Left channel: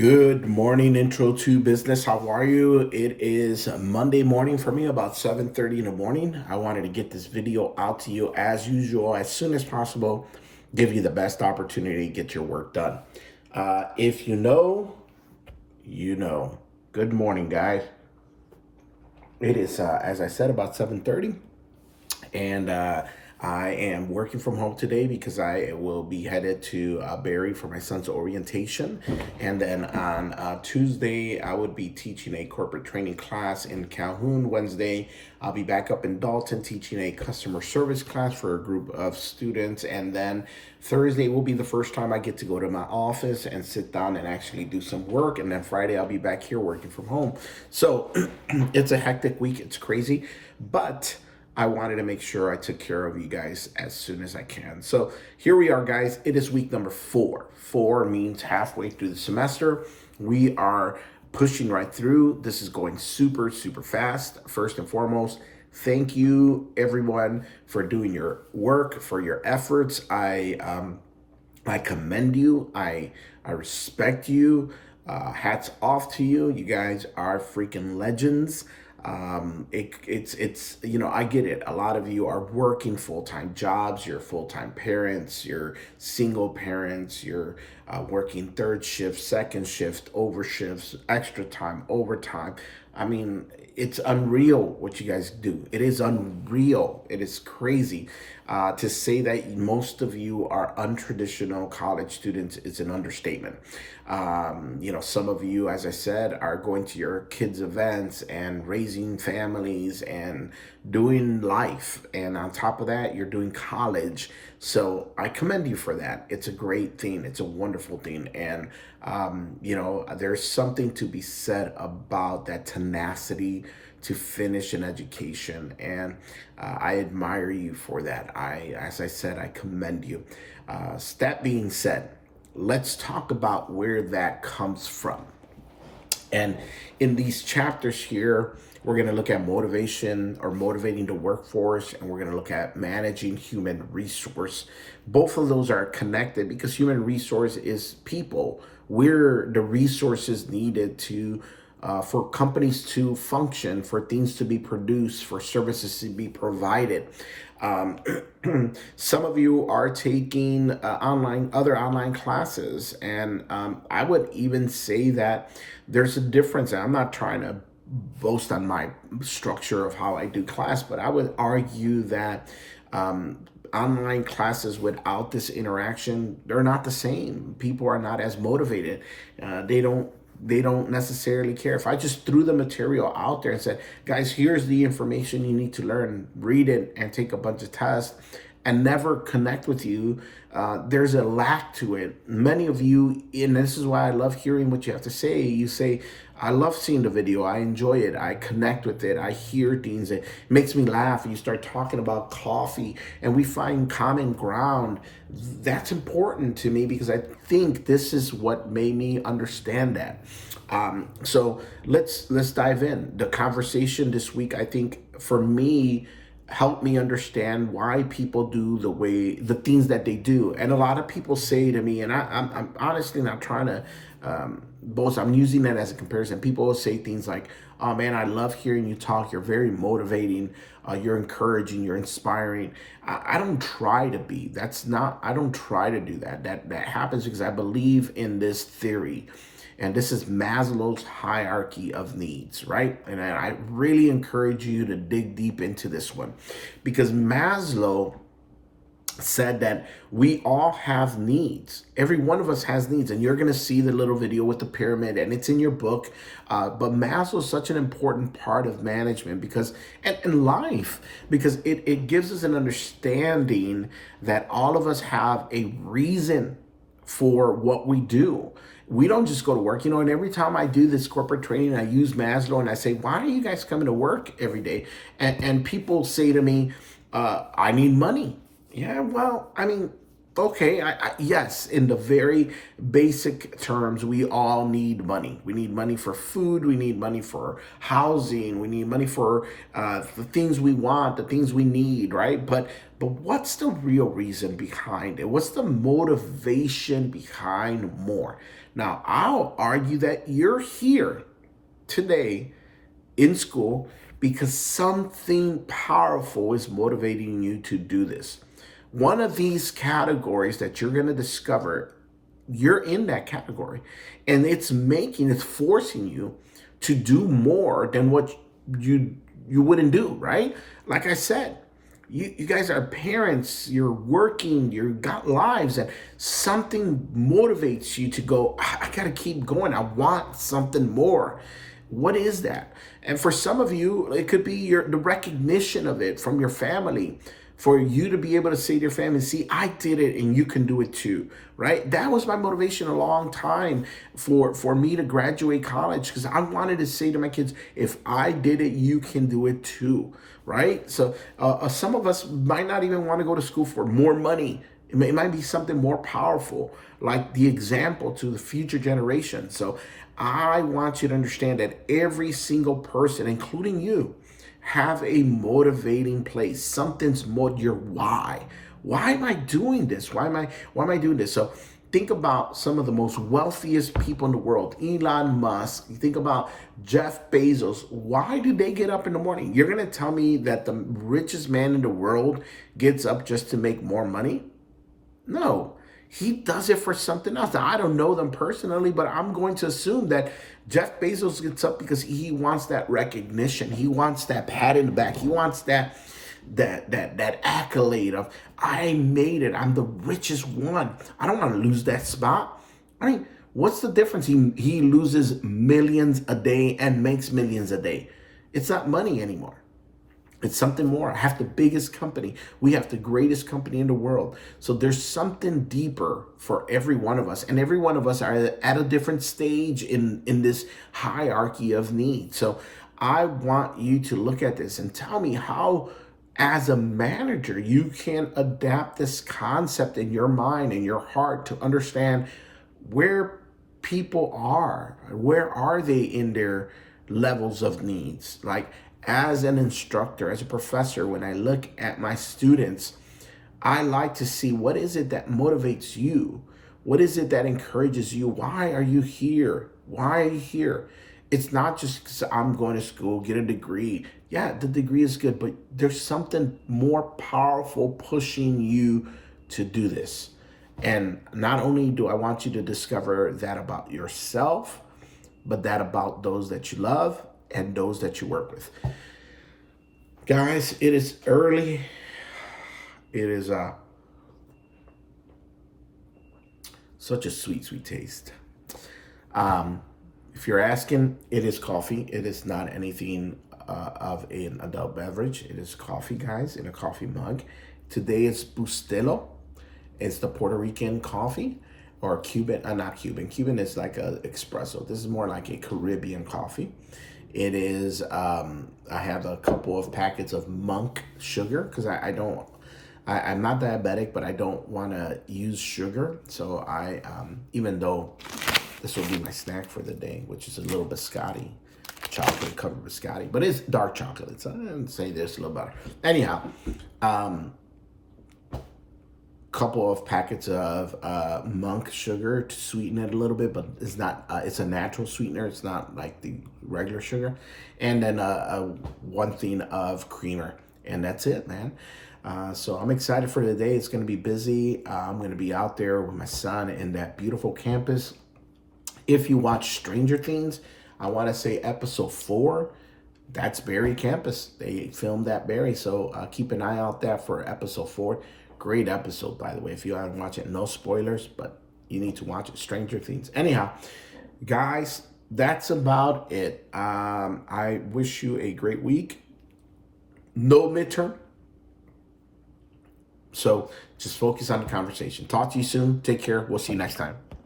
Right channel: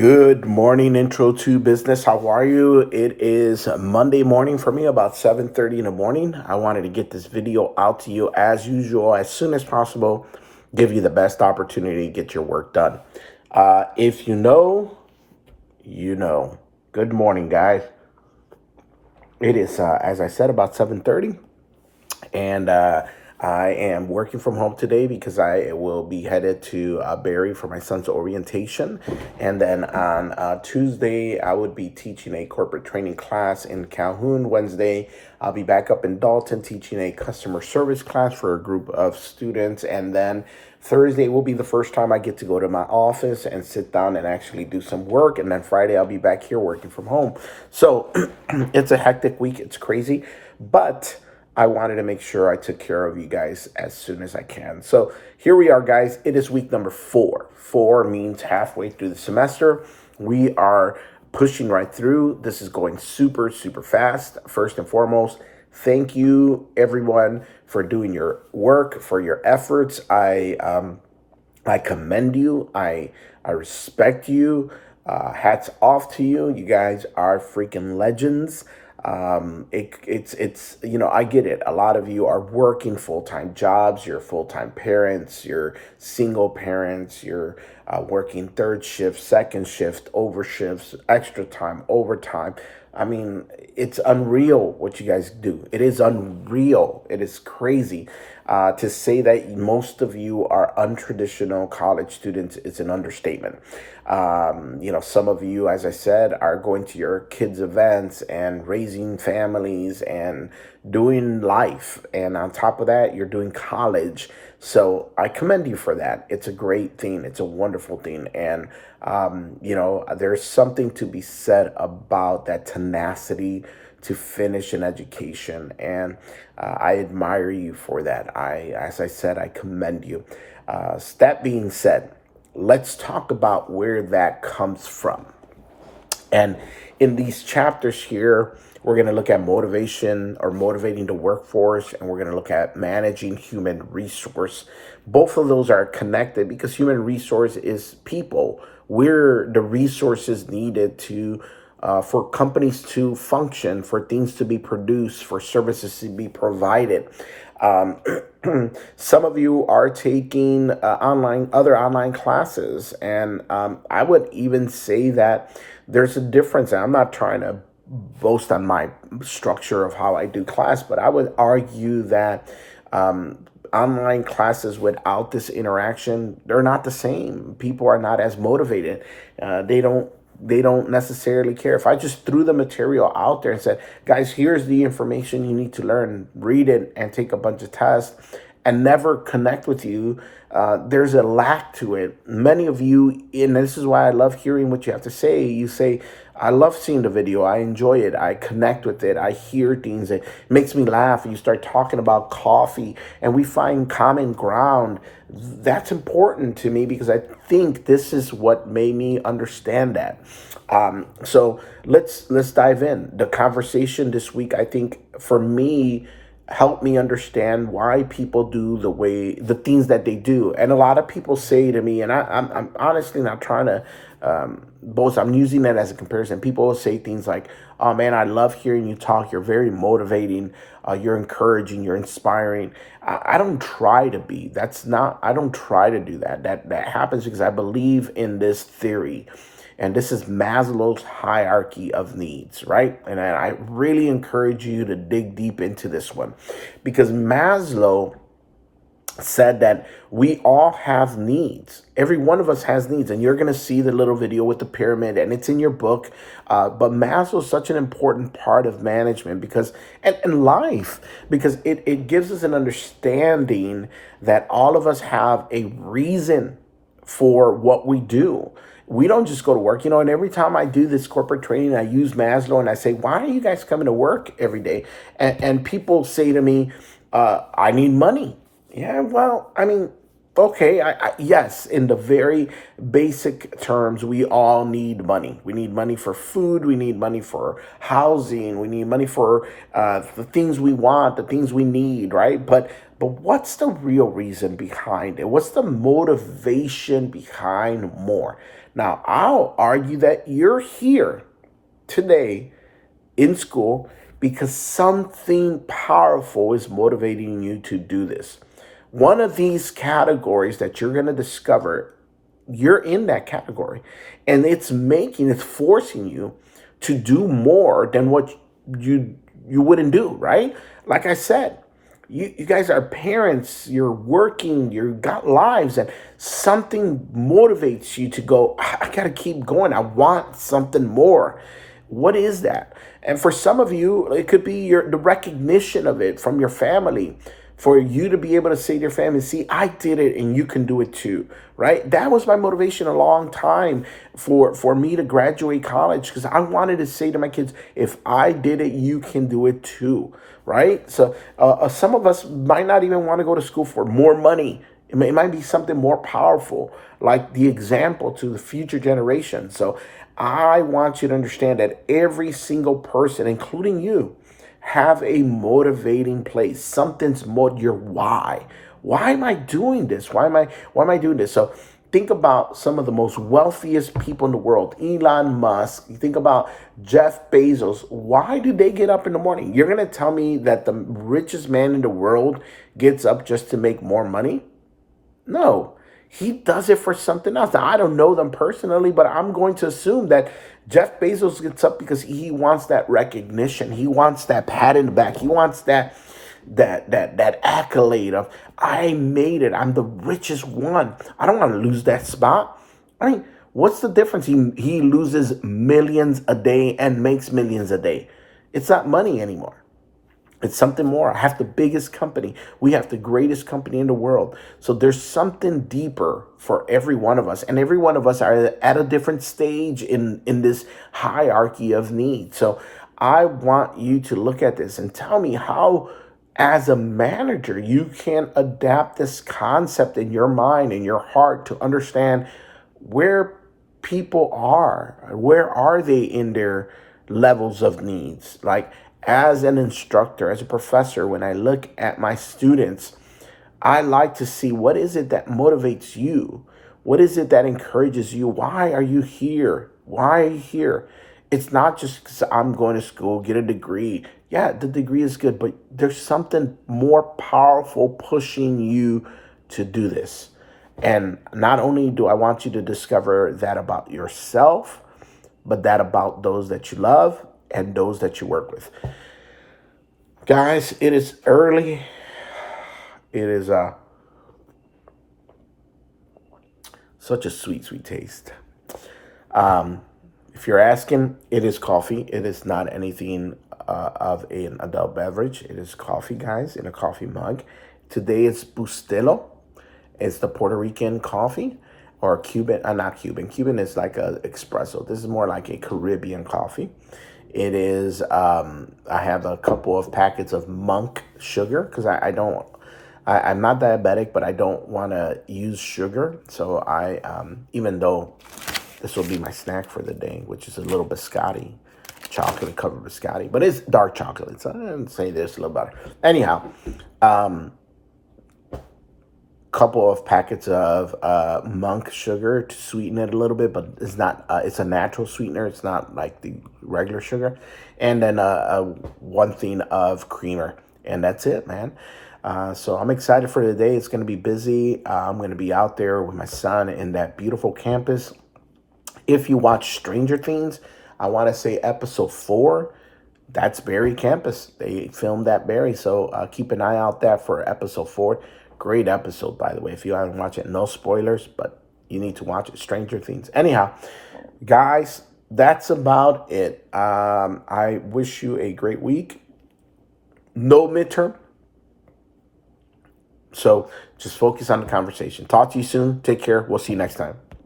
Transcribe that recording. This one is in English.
Good morning, Intro to Business. How are you? It is Monday morning for me, about 7:30 in the morning. I wanted to get this video out to you as usual, as soon as possible, give you the best opportunity to get your work done. If you know, you know. Good morning, guys. It is, as I said, about 7:30. And I am working from home today because I will be headed to Barrie for my son's orientation. And then on Tuesday, I would be teaching a corporate training class in Calhoun. Wednesday, I'll be back up in Dalton teaching a customer service class for a group of students. And then Thursday will be the first time I get to go to my office and sit down and actually do some work. And then Friday, I'll be back here working from home. So it's a hectic week. It's crazy. But I wanted to make sure I took care of you guys as soon as I can. So here we are, guys. It is week number 4. 4 means halfway through the semester. We are pushing right through. This is going super, super fast. First and foremost, thank you, everyone, for doing your work, for your efforts. I commend you. I respect you. Hats off to you. You guys are freaking legends. It's I get it. A lot of you are working full-time jobs. You're full-time parents. You're single parents. You're working third shift, second shift, over shifts, extra time, overtime. I mean, it's unreal what you guys do. It is unreal. It is crazy. To say that most of you are untraditional college students is an understatement. Some of you, as I said, are going to your kids' events and raising families and doing life. And on top of that, you're doing college. So I commend you for that. It's a great thing. It's a wonderful thing. And, there's something to be said about that tenacity to finish an education. And I admire you for that. As I said, I commend you. That being said, let's talk about where that comes from. And in these chapters here, we're going to look at motivation or motivating the workforce, and we're going to look at managing human resource. Both of those are connected because human resource is people. We're the resources needed to for companies to function, for things to be produced, for services to be provided. Um, some of you are taking other online classes, and I would even say that there's a difference. And I'm not trying to boast on my structure of how I do class, but I would argue that online classes without this interaction, they're not the same. People are not as motivated. They don't necessarily care. If I just threw the material out there and said, guys, here's the information you need to learn, read it and take a bunch of tests, and never connect with you, there's a lack to it. Many of you, and this is why I love hearing what you have to say. You say, I love seeing the video. I enjoy it. I connect with it. I hear things. It makes me laugh. You start talking about coffee and we find common ground. That's important to me because I think this is what made me understand that. So let's dive in. The conversation this week, I think for me, help me understand why people do the things that they do. And a lot of people say to me, and I'm honestly not trying to boast. I'm using that as a comparison. People will say things like, "Oh man, I love hearing you talk. You're very motivating. You're encouraging. You're inspiring." I don't try to be. That's not. I don't try to do that. That happens because I believe in this theory. And this is Maslow's hierarchy of needs, right? And I really encourage you to dig deep into this one because Maslow said that we all have needs. Every one of us has needs. And you're going to see the little video with the pyramid and it's in your book. But Maslow is such an important part of management because, and life, because it gives us an understanding that all of us have a reason for what we do. We don't just go to work, and every time I do this corporate training, I use Maslow and I say, why are you guys coming to work every day? And people say to me, I need money. Yeah, well, I mean, okay, yes, in the very basic terms, we all need money. We need money for food. We need money for housing. We need money for the things we want, the things we need, right? But what's the real reason behind it? What's the motivation behind more? Now, I'll argue that you're here today in school because something powerful is motivating you to do this. One of these categories that you're going to discover, you're in that category, and it's forcing you to do more than what you wouldn't do, right? Like I said, you guys are parents, you're working, you got lives, and something motivates you to go, I gotta keep going. I want something more. What is that? And for some of you, it could be the recognition of it from your family, for you to be able to say to your family, see, I did it and you can do it too, right? That was my motivation a long time for me to graduate college, because I wanted to say to my kids, if I did it, you can do it too, right? So some of us might not even want to go to school for more money. It might be something more powerful, like the example to the future generation. So I want you to understand that every single person, including you, have a motivating place. Something's your why. Why am I doing this? Why am I doing this? So think about some of the most wealthiest people in the world. Elon Musk. You think about Jeff Bezos. Why do they get up in the morning? You're going to tell me that the richest man in the world gets up just to make more money? No, he does it for something else. Now, I don't know them personally, but I'm going to assume that Jeff Bezos gets up because he wants that recognition. He wants that pat in the back. He wants that accolade of, I made it. I'm the richest one. I don't want to lose that spot. I mean, what's the difference? He loses millions a day and makes millions a day. It's not money anymore. It's something more. I have the biggest company. We have the greatest company in the world. So there's something deeper for every one of us. And every one of us are at a different stage in this hierarchy of need. So I want you to look at this and tell me how, as a manager, you can adapt this concept in your mind and your heart to understand where people are. Where are they in their levels of needs? Like, as an instructor, as a professor, when I look at my students, I like to see, what is it that motivates you? What is it that encourages you? Why are you here? Why are you here? It's not just because I'm going to school, get a degree. Yeah, the degree is good, but there's something more powerful pushing you to do this. And not only do I want you to discover that about yourself, but that about those that you love and those that you work with. Guys, it is early. It is such a sweet, sweet taste. If you're asking, it is coffee. It is not anything of an adult beverage. It is coffee, guys, in a coffee mug. Today it's Bustelo. It's the Puerto Rican coffee, or Cuban, not Cuban. Cuban is like a espresso. This is more like a Caribbean coffee. It is, I have a couple of packets of monk sugar because I'm not diabetic, but I don't want to use sugar. So even though this will be my snack for the day, which is a little biscotti, chocolate covered biscotti, but it's dark chocolate. So I didn't say this a little better. Anyhow, couple of packets of monk sugar to sweeten it a little bit, but it's not, it's a natural sweetener. It's not like the regular sugar. And then one thing of creamer, and that's it, man. So I'm excited for the day. It's going to be busy. I'm going to be out there with my son in that beautiful campus. If you watch Stranger Things, I want to say episode 4, that's Barry campus. They filmed that Barry. So keep an eye out there for episode 4. Great episode, by the way. If you haven't watched it, no spoilers, but you need to watch it. Stranger Things. Anyhow, guys, that's about it. I wish you a great week. No midterm. So just focus on the conversation. Talk to you soon. Take care. We'll see you next time.